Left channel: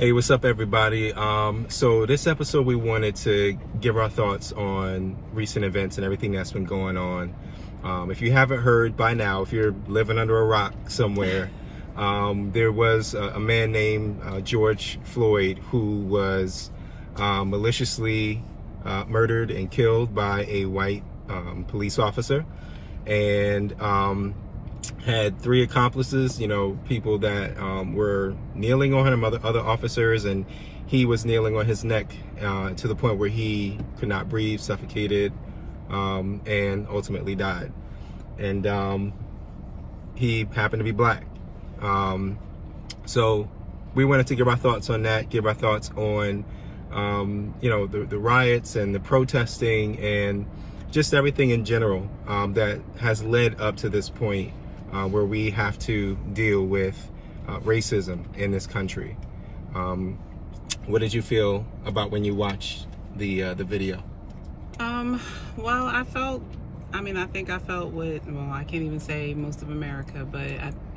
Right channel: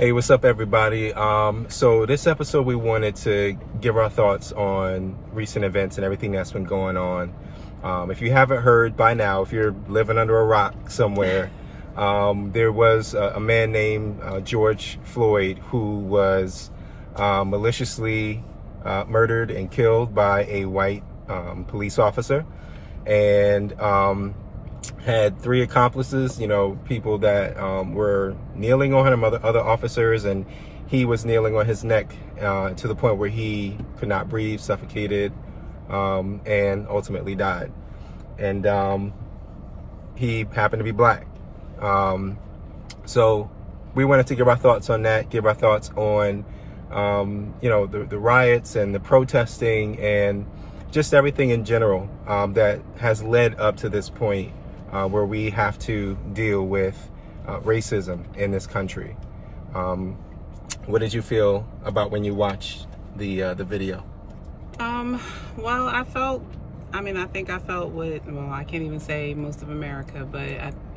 Hey, what's up, everybody? So this episode, we wanted to give our thoughts on recent events and everything that's been going on. If you haven't heard by now, if you're living under a rock somewhere, there was a man named George Floyd who was maliciously murdered and killed by a white police officer, and had three accomplices, people that were kneeling on him, other officers, and he was kneeling on his neck to the point where he could not breathe, suffocated, and ultimately died. And he happened to be black. So we wanted to give our thoughts on that, give our thoughts on, the riots and the protesting and just everything in general that has led up to this point where we have to deal with racism in this country. What did you feel about when you watched the video? Well, I think I felt what, well, I can't even say most of America, but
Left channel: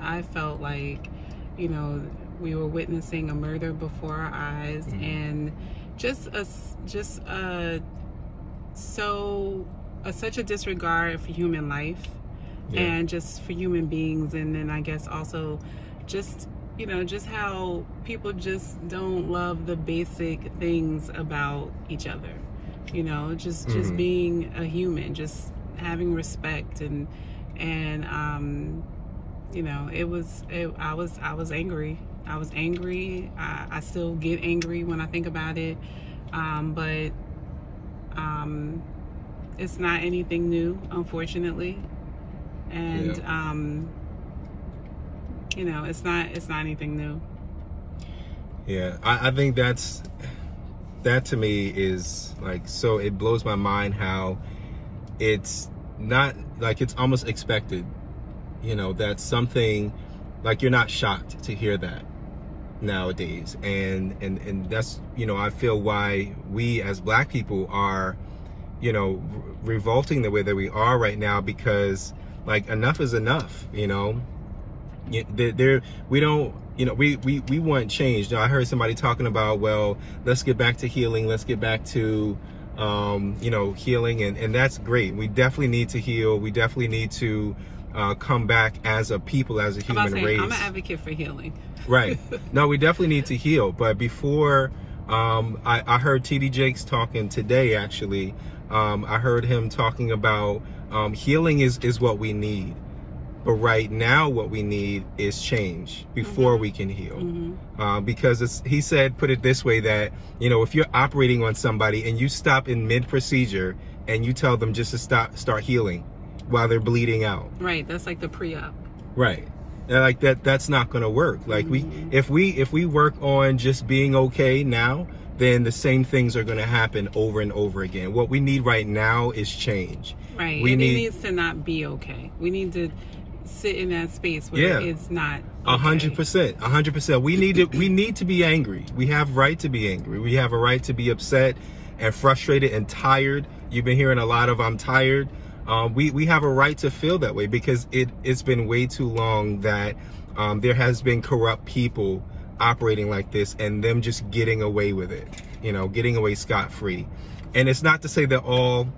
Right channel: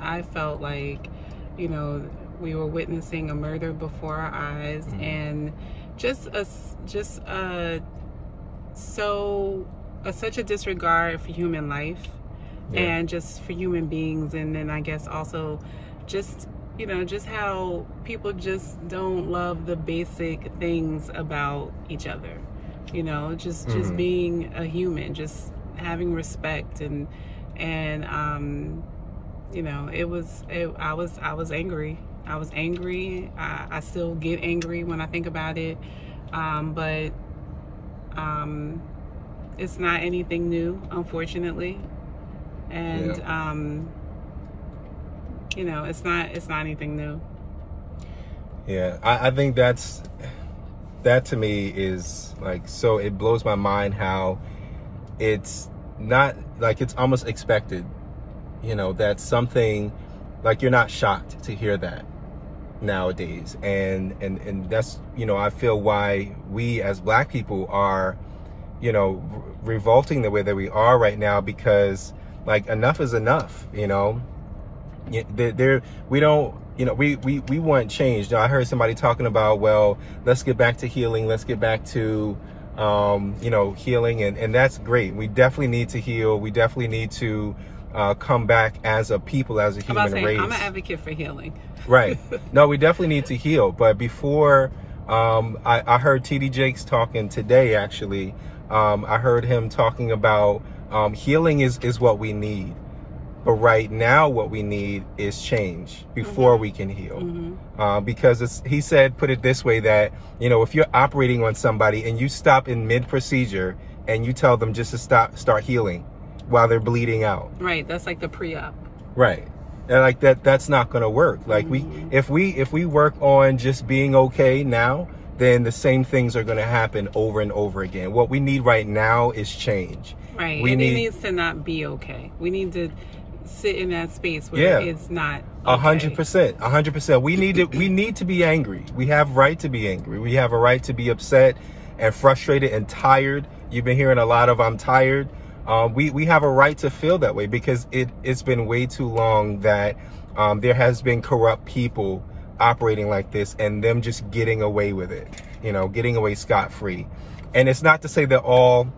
I felt like, we were witnessing a murder before our eyes, and such a disregard for human life. Yeah. And just for human beings. And then I guess also just how people just don't love the basic things about each other, just being a human, just having respect, and I was angry. I still get angry when I think about it, but it's not anything new, unfortunately. And it's not anything new. Yeah, I think that to me is like, so it blows my mind how it's not like, it's almost expected, that something like, you're not shocked to hear that nowadays. And that's, I feel why we as black people are, revolting the way that we are right now, because like, enough is enough. We don't, we want change. I heard somebody talking about, well, let's get back to healing. Let's get back to, healing. And that's great. We definitely need to heal. We definitely need to come back as a people, as a human race. I'm an advocate for healing. Right. No, we definitely need to heal. But before, I heard TD Jakes talking today, actually. I heard him talking about healing is what we need. But right now, what we need is change before we can heal. Because he said, put it this way, that, if you're operating on somebody and you stop in mid-procedure and you tell them just to start healing while they're bleeding out. Right. That's like the pre-op. Right. And like that's not going to work. Like if we work on just being okay now, then the same things are going to happen over and over again. What we need right now is change. Right. It needs to not be okay. We need to sit in that space where it's not okay. 100%. 100%. We need to be angry. We have right to be angry. We have a right to be upset and frustrated and tired. You've been hearing a lot of "I'm tired." We have a right to feel that way, because it's been way too long that there has been corrupt people operating like this, and them just getting away with it, getting away scot-free. And it's not to say that all,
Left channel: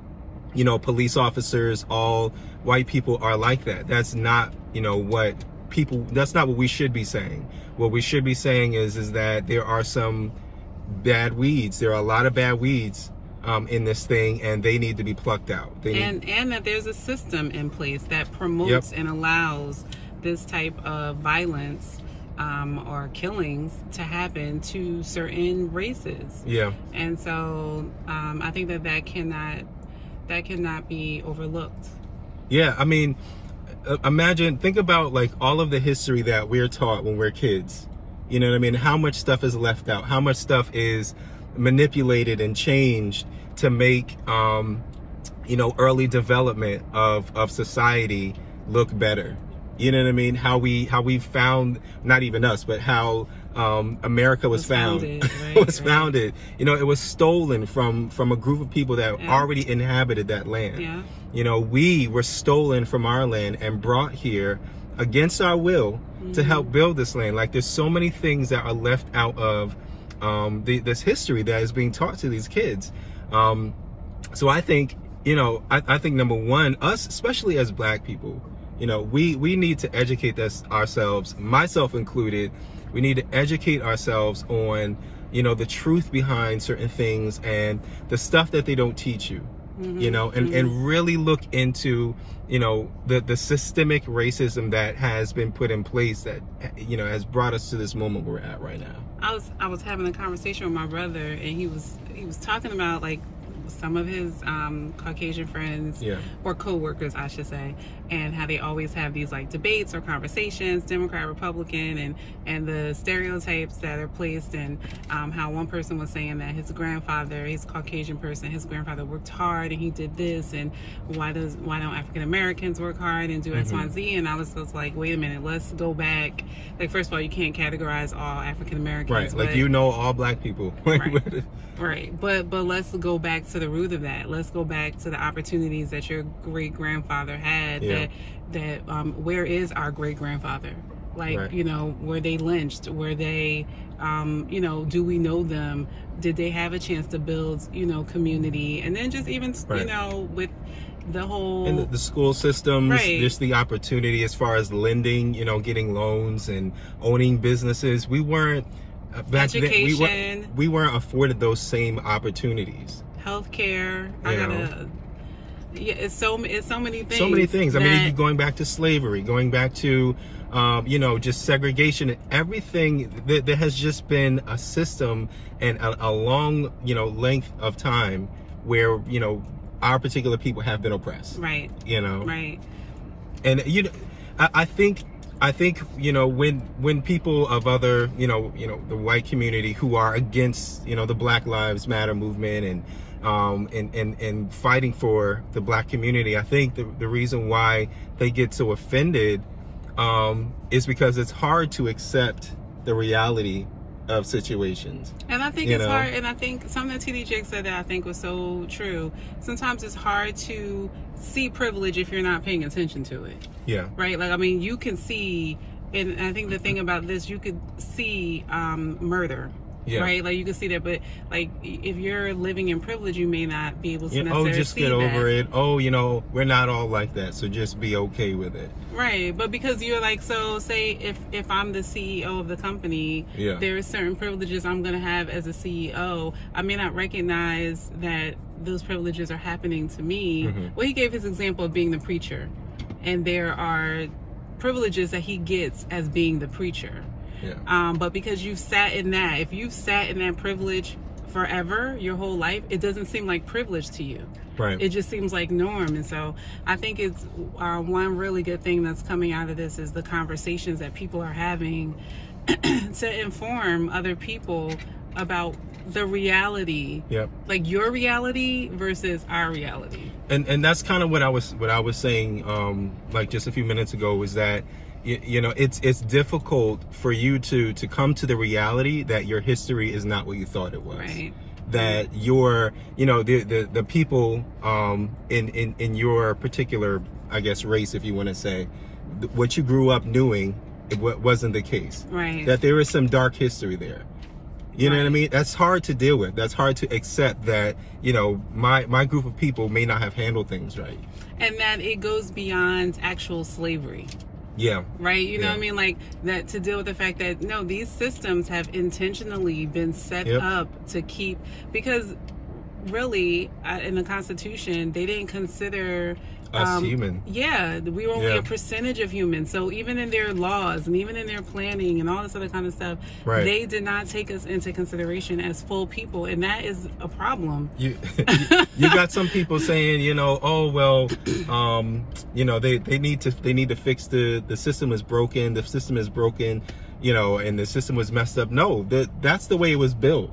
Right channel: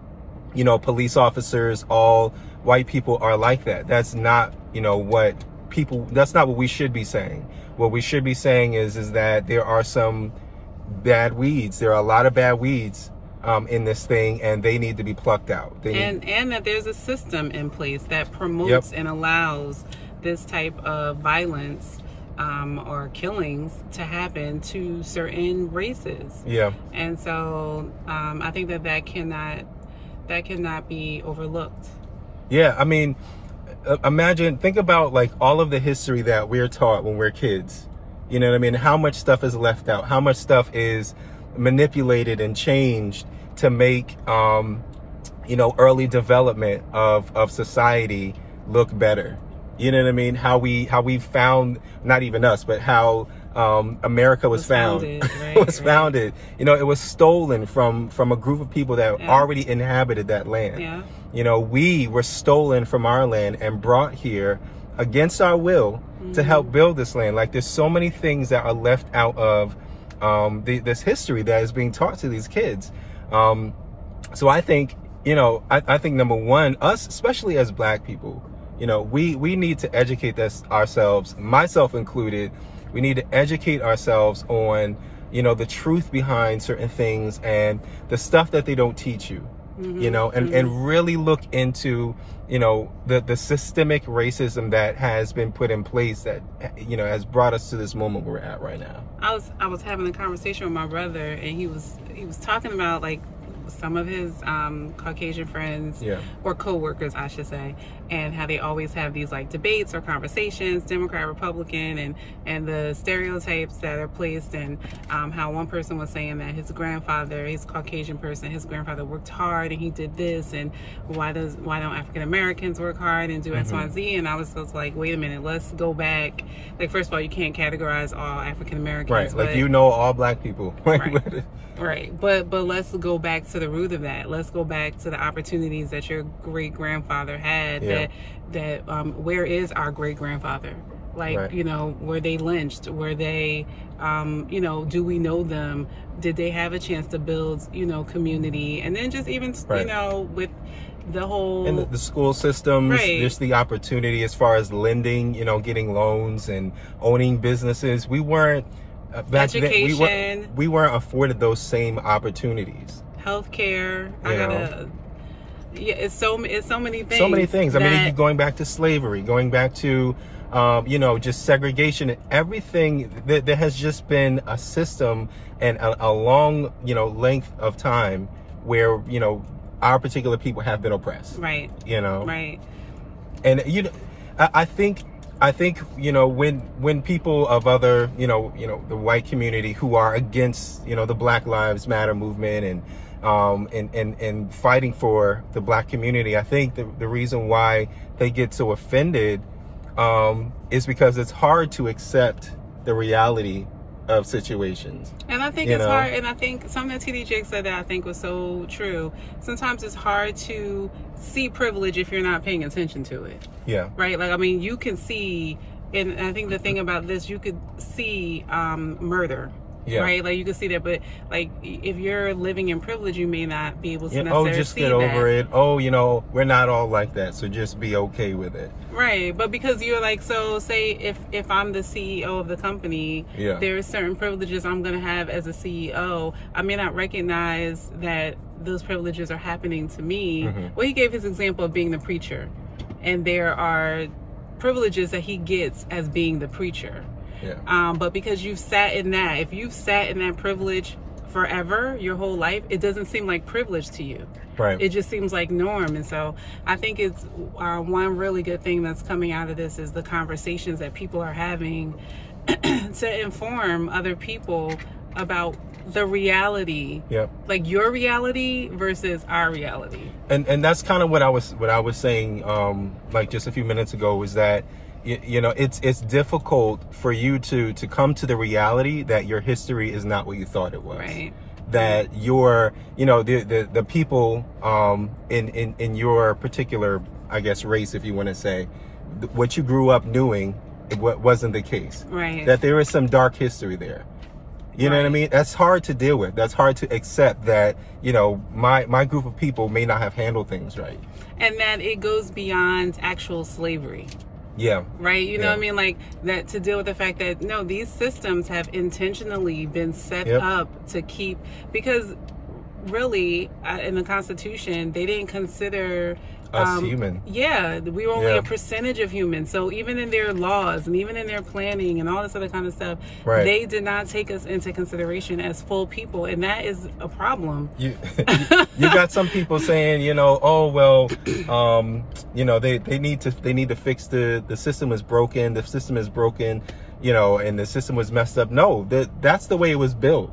police officers, all white people are like that. That's not, that's not what we should be saying. What we should be saying is that there are some bad weeds. There are a lot of bad weeds in this thing, and they need to be plucked out. And that there's a system in place that promotes and allows this type of violence or killings to happen to certain races. Yeah. And so I think that cannot be overlooked. Yeah, I mean, think about like all of the history that we're taught when we're kids. You know what I mean? How much stuff is left out? How much stuff is manipulated and changed to make early development of society look better? You know what I mean? How we found, not even us, but how America was founded. Right, was founded. It was stolen from a group of people that already inhabited that land. Yeah. We were stolen from our land and brought here against our will to help build this land. Like, there's so many things that are left out of this history that is being taught to these kids. So I think, I think number one, us, especially as Black people, we need to educate ourselves, myself included. We need to educate ourselves on, the truth behind certain things and the stuff that they don't teach you. And really look into, the systemic racism that has been put in place that, has brought us to this moment we're at right now. I was having a conversation with my brother, and he was talking about like some of his Caucasian friends, or co-workers, I should say, and how they always have these like debates or conversations, Democrat, Republican, and the stereotypes that are placed, and how one person was saying that his grandfather, his Caucasian person, his grandfather worked hard and he did this, and why don't African Americans work hard and do X, Y, and Z? And I was just like, wait a minute, let's go back. Like, first of all, you can't categorize all African Americans, right? Like, all Black people, right? But let's go back to the root of that. Let's go back to the opportunities that your great grandfather had. Where is our great grandfather? Like, were they lynched? Were they, do we know them? Did they have a chance to build, community? And then just even, with the whole... And the school systems, just the opportunity as far as lending, getting loans and owning businesses. We weren't, back education. then, we weren't afforded those same opportunities. Healthcare. It's so many things. So many things. I mean, going back to slavery, going back to, just segregation and everything. There has just been a system and a long, length of time where, our particular people have been oppressed. Right. Right. And, I think, when people of other, the white community who are against, the Black Lives Matter movement and fighting for the Black community, I think the reason why they get so offended is because it's hard to accept the reality of situations. And I think it's hard, and I think something that TD Jakes said that I think was so true. Sometimes it's hard to see privilege if you're not paying attention to it. Yeah. Right? Like, I mean, you can see, and I think the thing about this, you could see murder. Yeah. Right? Like, you can see that, but like, if you're living in privilege, you may not be able to necessarily just get over it. Oh, we're not all like that, so just be okay with it. Right. But because you're like, so say if I'm the CEO of the company, there are certain privileges I'm going to have as a CEO. I may not recognize that those privileges are happening to me. Well, he gave his example of being the preacher, and there are privileges that he gets as being the preacher. Yeah. But because you've sat in that, if you've sat in that privilege forever, your whole life, it doesn't seem like privilege to you. Right. It just seems like norm. And so I think it's one really good thing that's coming out of this is the conversations that people are having to inform other people about the reality, like your reality versus our reality. And that's kind of what I was saying, like just a few minutes ago, was that it's difficult for you to come to the reality that your history is not what you thought it was. Right. That your, the people in your particular, I guess, race, if you want to say, what you grew up knowing, it wasn't the case. Right. That there is some dark history there. You know what I mean? That's hard to deal with. That's hard to accept that, my group of people may not have handled things right. And that it goes beyond actual slavery. Yeah. Right? You know what I mean? Like, that to deal with the fact that, no, these systems have intentionally been set up to keep, because really, in the Constitution, they didn't consider us human. Yeah, we were only a percentage of humans. So even in their laws and even in their planning and all this other kind of stuff, they did not take us into consideration as full people, and that is a problem. You got some people saying, oh well, they need to fix the system is broken. The system is broken, and the system was messed up. No, that's the way it was built.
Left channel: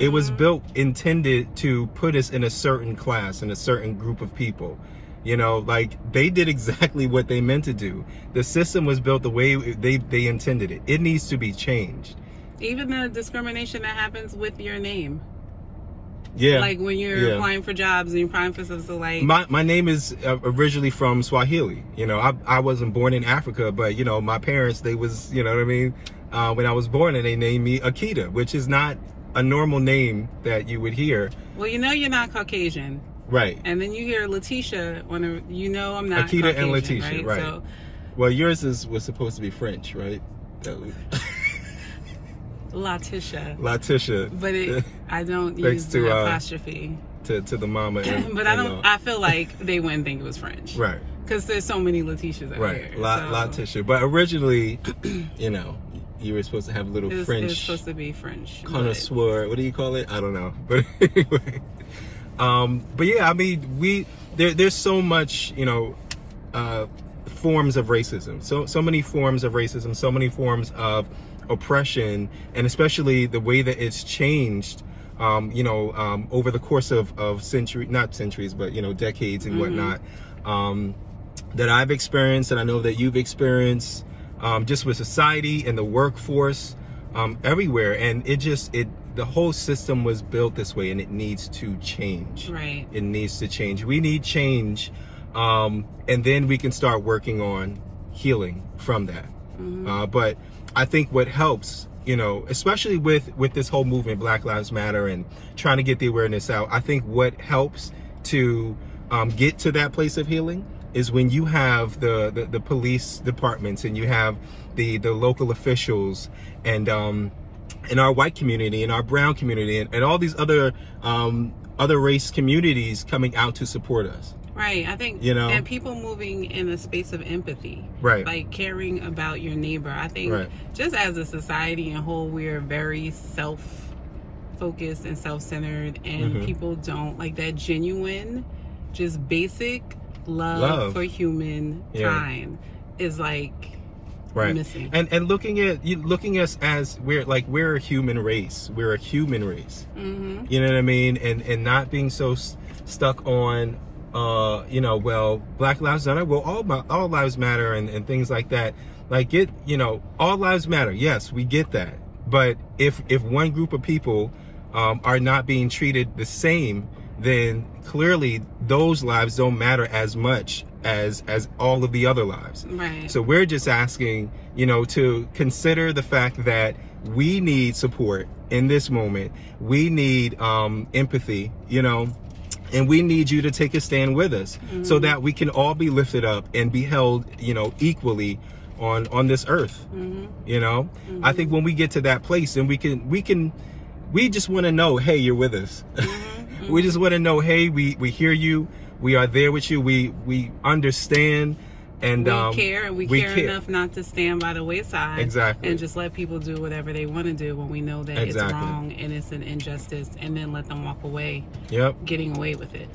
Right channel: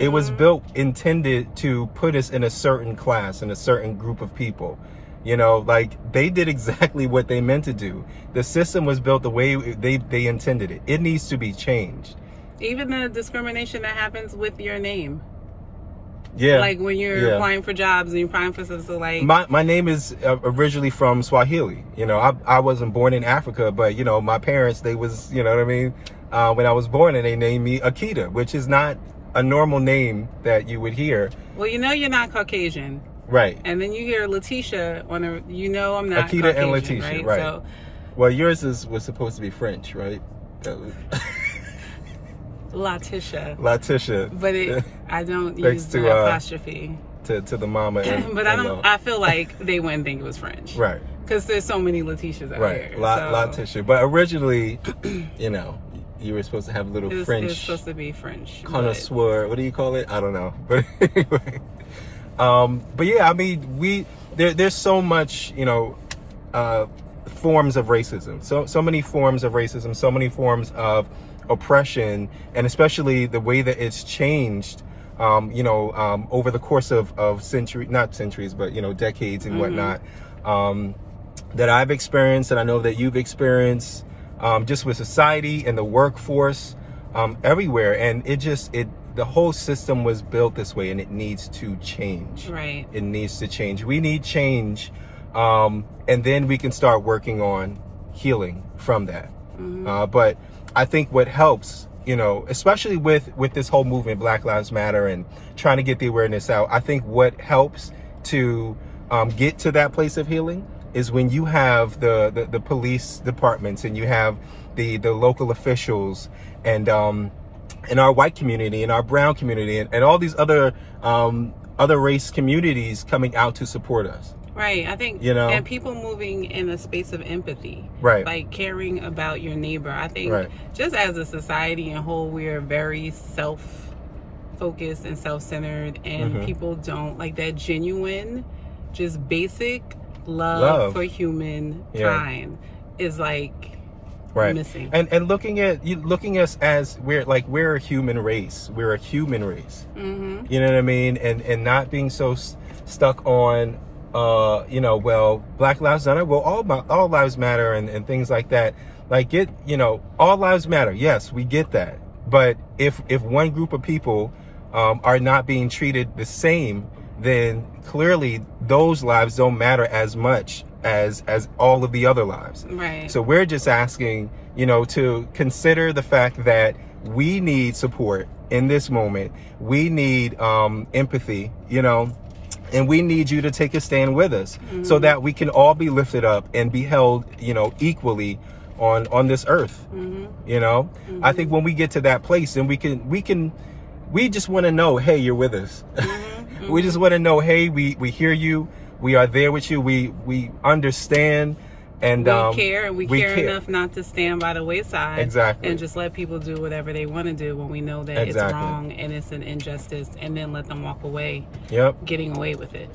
It was built intended to put us in a certain class, in a certain group of people. Like, they did exactly what they meant to do. The system was built the way they intended it. It needs to be changed. Even the discrimination that happens with your name. Yeah. Like when you're applying for jobs and you're applying for something, so like... My name is originally from Swahili. I wasn't born in Africa, but, my parents, they was, when I was born, and they named me Akita, which is not a normal name that you would hear. Well, you know you're not Caucasian. Right. And then you hear Letitia on a, you know I'm not Akita Caucasian, and Letitia, right. So, well, yours was supposed to be French, right? Letitia. Letitia. But I don't use the apostrophe. To the mama. And, but I feel like they wouldn't think it was French. Right. Because there's so many Letitias out here. Letitia. But originally, you know, you were supposed to have a little French. It's supposed to be French. Connoisseur. What do you call it? I don't know. But anyway. But yeah, I mean, there's so much, you know, forms of racism. So many forms of racism, so many forms of oppression, and especially the way that it's changed, you know, over the course of not centuries, but, you know, decades and whatnot, that I've experienced, and I know that you've experienced, just with society and the workforce, everywhere. And the whole system was built this way, and it needs to change. Right. It needs to change. We need change. And then we can start working on healing from that. But I think what helps, you know, especially with this whole movement, Black Lives Matter, and trying to get the awareness out, I think what helps to get to that place of healing is when you have the police departments, and you have the local officials, and in our white community, in our brown community, and all these other race communities coming out to support us. Right. I think, you know, and people moving in a space of empathy. Right. Like caring about your neighbor. I think just as a society in whole, we're very self-focused and self-centered, and people don't like that genuine, just basic love for humankind is like missing. And looking at us as we're a human race. We're a human race. You know what I mean? And not being so stuck on you know, well, Black Lives Matter, well, all lives matter, and things like that. Like, you know, all lives matter. Yes, we get that. But if one group of people are not being treated the same, then clearly those lives don't matter as much as all of the other lives. Right. So we're just asking, you know, to consider the fact that we need support in this moment. We need empathy, you know, and we need you to take a stand with us so that we can all be lifted up and be held, you know, equally on this earth. You know, I think when we get to that place, then we just want to know, hey, you're with us. We just want to know, hey, we hear you. We are there with you. We understand. And we care enough not to stand by the wayside. Exactly. And just let people do whatever they want to do when we know that it's wrong and it's an injustice, and then let them walk away. Getting away with it.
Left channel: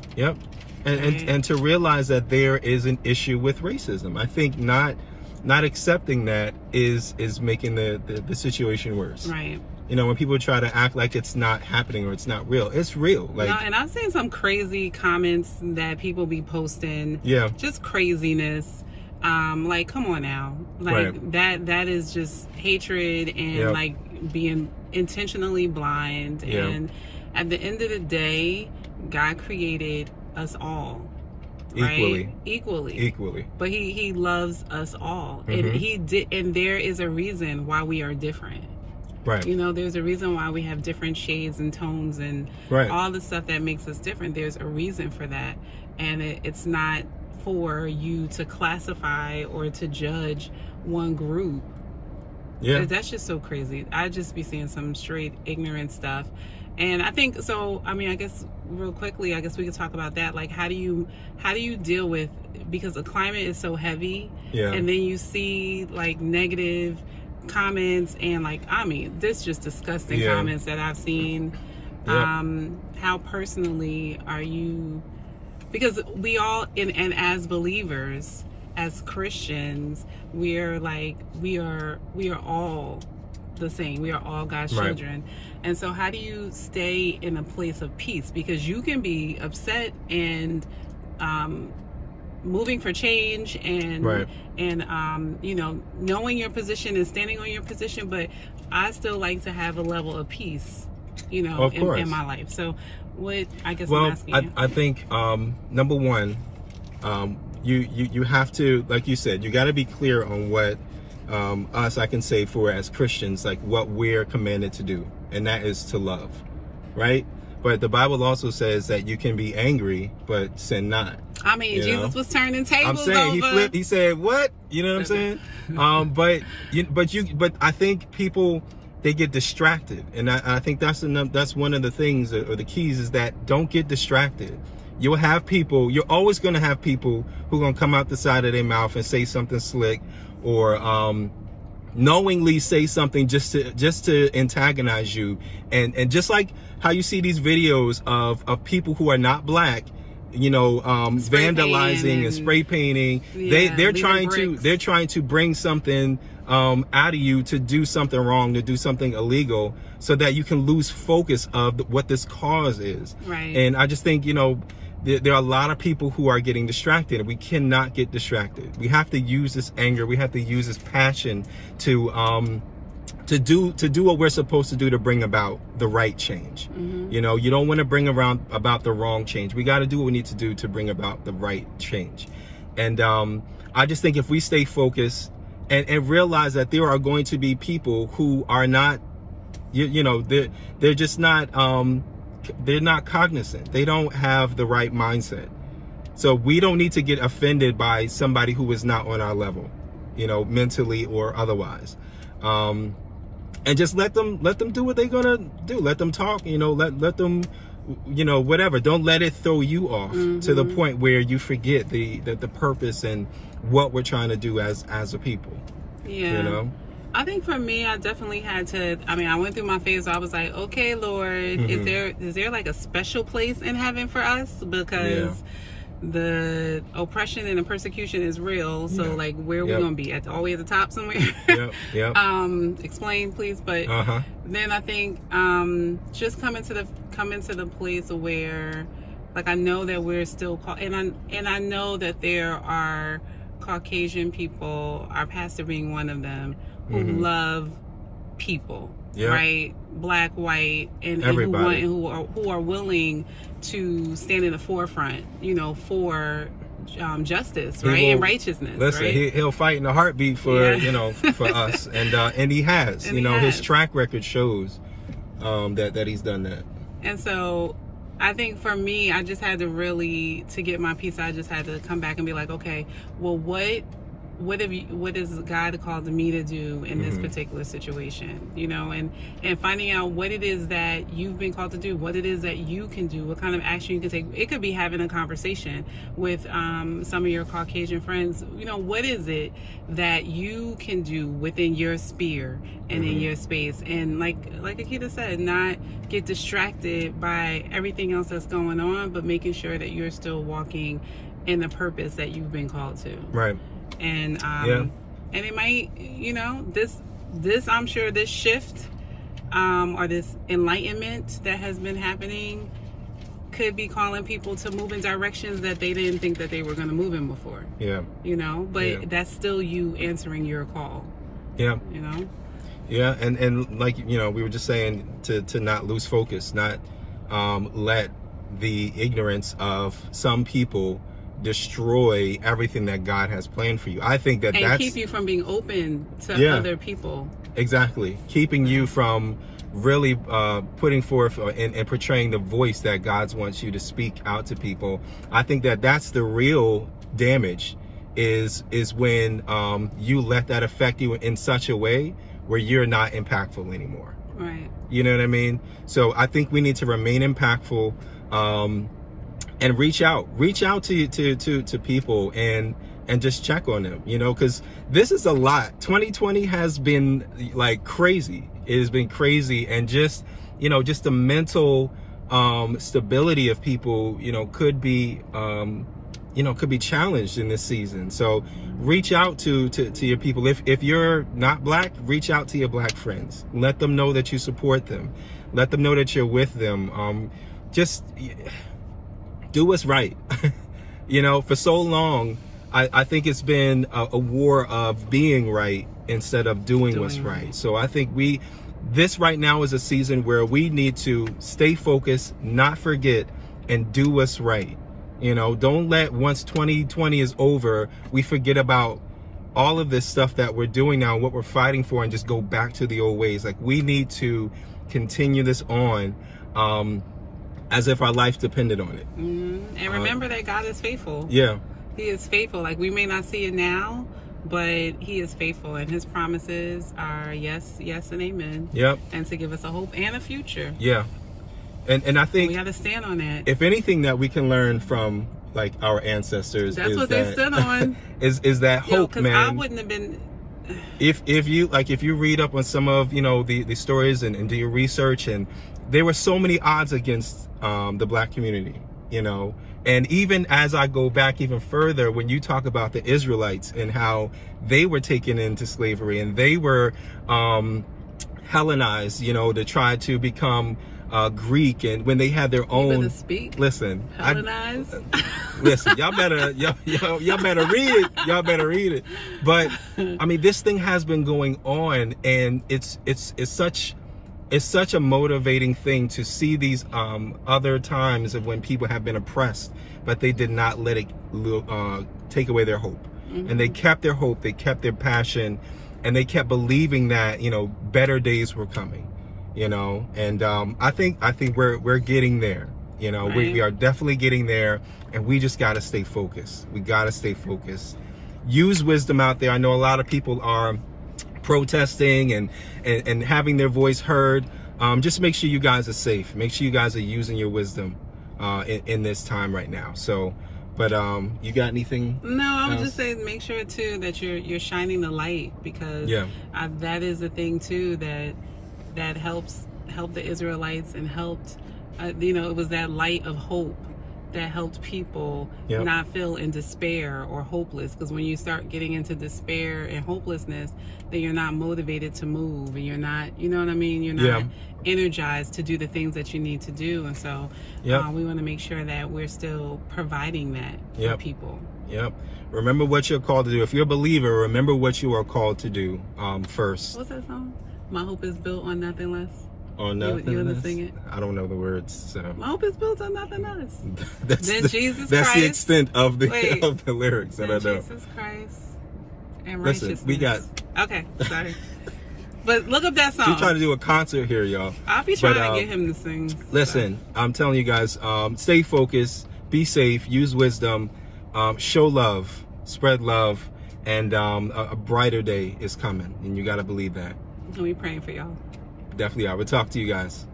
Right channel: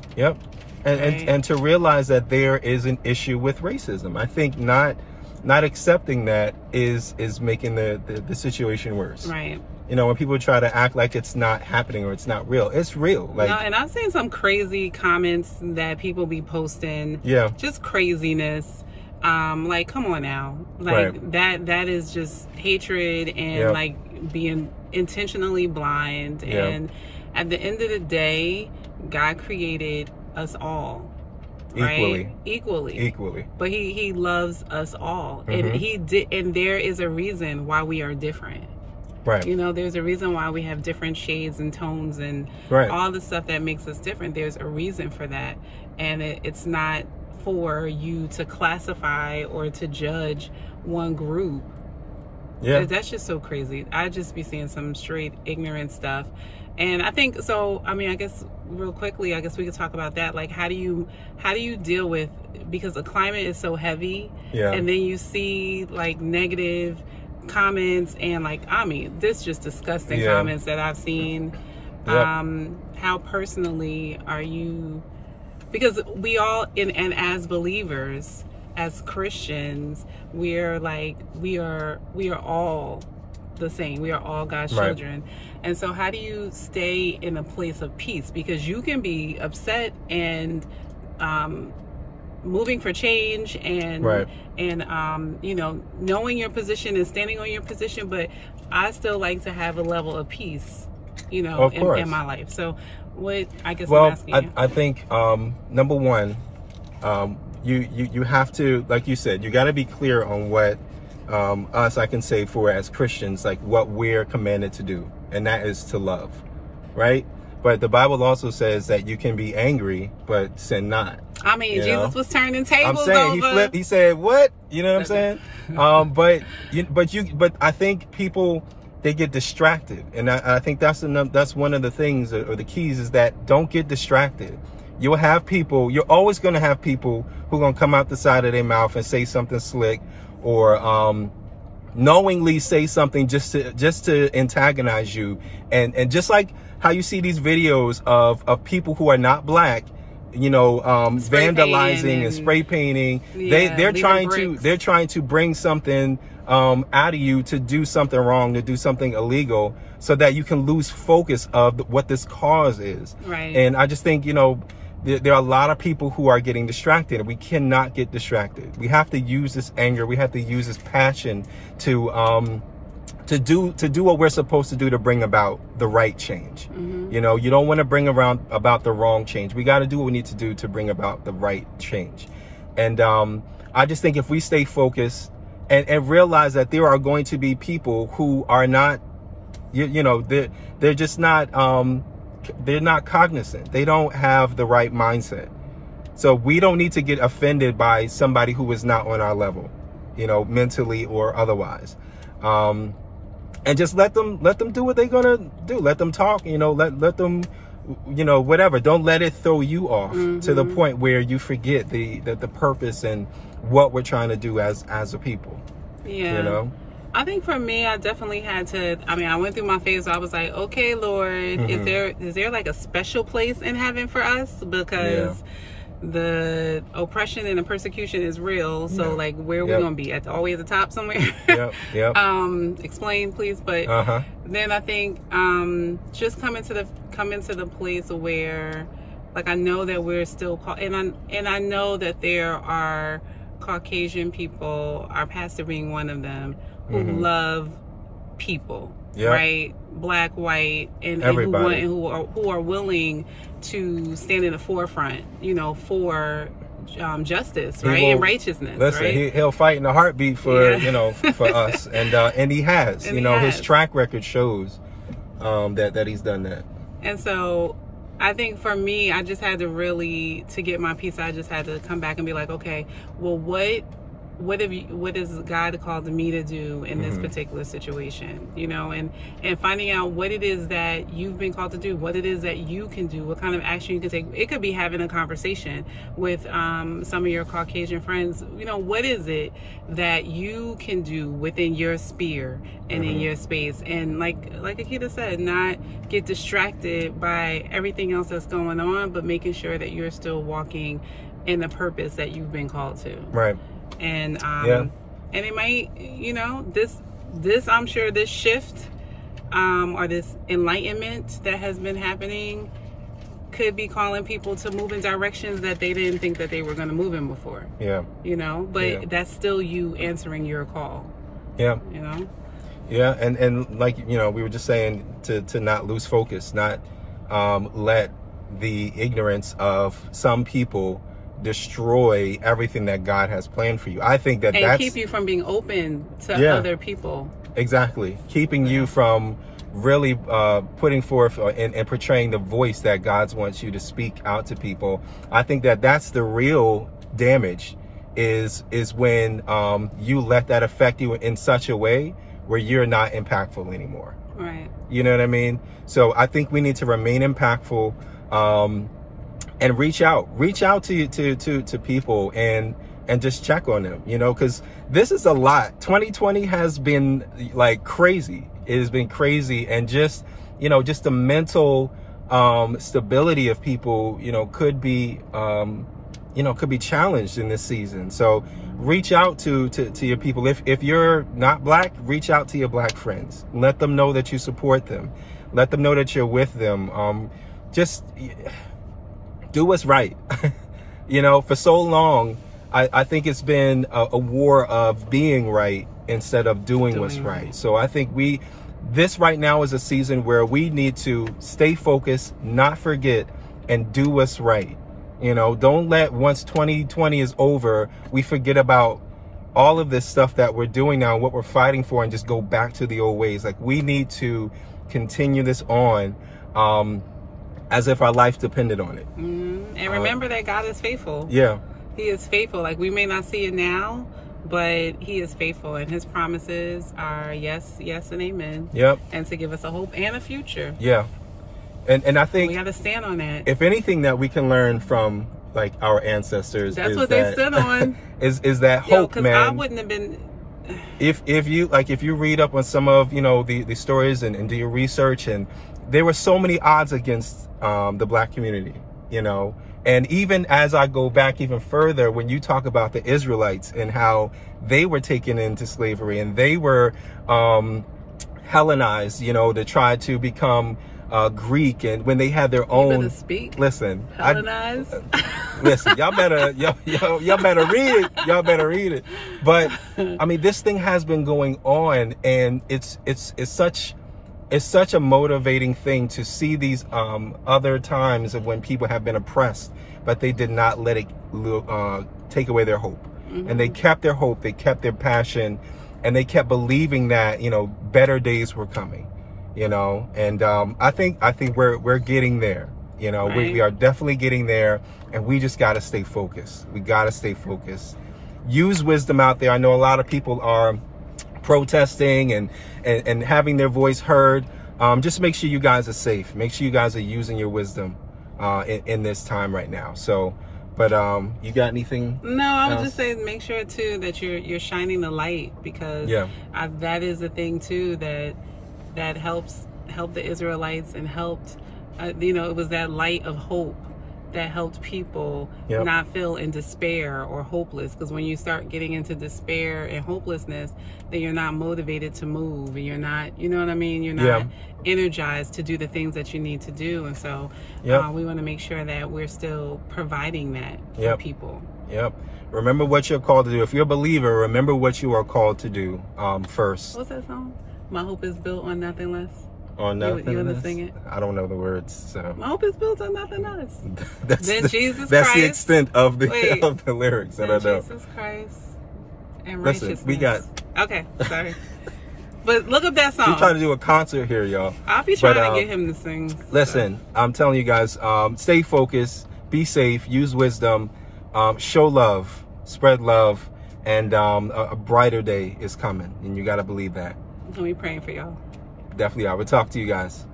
And to realize that there is an issue with racism. I think not accepting that is making the situation worse. Right. You know, when people try to act like it's not happening or it's not real, it's real. Like, and I've seen some crazy comments that people be posting. Just craziness. Like, come on now. Like, that is just hatred and like being intentionally blind. And at the end of the day, God created us all. Right? Equally. But he loves us all. And there is a reason why we are different. Right. You know, there's a reason why we have different shades and tones and all the stuff that makes us different. There's a reason for that. And it's not for you to classify or to judge one group. That's just so crazy. I just be seeing some straight ignorant stuff. And I think, so, I mean, I guess real quickly, I guess we could talk about that. Like, how do you deal with, because the climate is so heavy, and then you see like negative comments and like, I mean, this just disgusting comments that I've seen. How personally are you, because we all and as believers, as Christians, we are all the same. We are all God's children. And so how do you stay in a place of peace? Because you can be upset and moving for change and you know, knowing your position and standing on your position, but I still like to have a level of peace, you know, in my life. So what, I guess, I'm asking. I think number one, you have to, like you said, you got to be clear on what us, I can say for as Christians, like what we're commanded to do, and that is to love, right? But the Bible also says that you can be angry, but sin not. I mean, Jesus was turning tables. I'm saying he flipped. He said, "What?" You know what I'm saying? But I think people, they get distracted, and I think that's one of the things, or the keys, is that don't get distracted. You'll have people. You're always going to have people who are going to come out the side of their mouth and say something slick, or knowingly say something just to antagonize you, and just like how you see these videos of people who are not black, you know, vandalizing and spray painting. They're trying to bring something out of you to do something wrong, to do something illegal, so that you can lose focus of what this cause is. Right. And I just think, you know, there are a lot of people who are getting distracted, and we cannot get distracted. We have to use this anger. We have to use this passion to do what we're supposed to do to bring about the right change. Mm-hmm. You know, you don't want to bring about the wrong change. We got to do what we need to do to bring about the right change. And I just think if we stay focused and realize that there are going to be people who are not, you know, they're just not, they're not cognizant. They don't have the right mindset. So we don't need to get offended by somebody who is not on our level, you know, mentally or otherwise. And just let them do what they're gonna do. Let them talk, you know, let them, you know, whatever. Don't let it throw you off to the point where you forget the purpose and what we're trying to do as a people. Yeah. You know? I think for me, I definitely had to, I mean, I went through my phase where I was like, okay, Lord, is there like a special place in heaven for us? Because the oppression and the persecution is real. So like, where are we going to be? Always at the top somewhere? Yep. Explain, please. But then I think just come into the place where, like, I know that we're still and I know that there are Caucasian people, our pastor being one of them, who love people, right? Black, white, and who are willing to stand in the forefront, you know, for justice, right, and righteousness. Listen, right? He'll fight in a heartbeat for you know, for us, and he has. And you know, his track record shows that he's done that. And so, I think for me, I just had to get my peace. I just had to come back and be like, okay, well, what is God called me to do in this particular situation, you know, and finding out what it is that you've been called to do, what it is that you can do, what kind of action you can take. It could be having a conversation with some of your Caucasian friends. You know, what is it that you can do within your sphere and in your space, and like Akita said, not get distracted by everything else that's going on, but making sure that you're still walking in the purpose that you've been called to. Right. And and it might, you know, this I'm sure this shift or this enlightenment that has been happening could be calling people to move in directions that they didn't think that they were going to move in before. Yeah. You know, but that's still you answering your call. Yeah. You know? Yeah, and like, you know, we were just saying to not lose focus, not let the ignorance of some people destroy everything that God has planned for you. I think that's keep you from being open to other people. Exactly. Keeping you from really putting forth and portraying the voice that God wants you to speak out to people. I think that's the real damage is when you let that affect you in such a way where you're not impactful anymore. Right. You know what I mean? So I think we need to remain impactful and reach out to people and just check on them, you know, because this is a lot. 2020 has been like crazy. It has been crazy. And just, you know, just the mental stability of people, you know, could be challenged in this season. So reach out to your people. If you're not black, reach out to your black friends. Let them know that you support them. Let them know that you're with them. Just do what's right. You know, for so long, I think it's been a war of being right instead of doing what's right. So I think this right now is a season where we need to stay focused, not forget, and do what's right. You know, don't let once 2020 is over, we forget about all of this stuff that we're doing now, what we're fighting for, and just go back to the old ways. Like, we need to continue this on as if our life depended on it. And remember that God is faithful. Yeah. He is faithful. Like, we may not see it now, but he is faithful, and his promises are yes, yes, and amen. Yep. And to give us a hope and a future. Yeah. And I think we got to stand on that. If anything that we can learn from like our ancestors, that's is what that, they stood on. is that hope, man? I wouldn't have been. If you read up on some of the stories and do your research, and there were so many odds against the Black community, and even as I go back even further, when you talk about the Israelites and how they were taken into slavery and they were Hellenized, to try to become Greek, and when they had their own. You better speak. Listen, Hellenized. Listen, y'all better read it. Y'all better read it. But I mean, this thing has been going on, and it's such a motivating thing to see these other times of when people have been oppressed, but they did not let it take away their hope. And they kept their hope, they kept their passion, and they kept believing that better days were coming. And I think we're getting there. Right. We are definitely getting there, and we just got to stay focused. We got to stay focused. Use wisdom out there. I know a lot of people are protesting and having their voice heard. Just make sure you guys are safe. Make sure you guys are using your wisdom in this time right now. So, but you got anything? No, I would else? just say make sure too that you're shining the light, because that is the thing too that helped the Israelites and helped it was that light of hope that helped people not feel in despair or hopeless. Because when you start getting into despair and hopelessness, then you're not motivated to move, and you're not, you're not energized to do the things that you need to do. And so we want to make sure that we're still providing that for people. Remember what you're called to do. If you're a believer, remember what you are called to do first. What's that song? My hope is built on nothing less. On nothing. You want to sing it? I don't know the words. So my hope is built on nothing less. That's the extent of the of the lyrics that I know. Jesus Christ and Listen, righteousness. we got. Okay, sorry. But look up that song. We're trying to do a concert here, y'all. I'll be trying to get him to sing. Listen, I'm telling you guys, stay focused, be safe, use wisdom, show love, spread love, and a brighter day is coming, and you got to believe that. And we praying for y'all. Definitely, I will talk to you guys.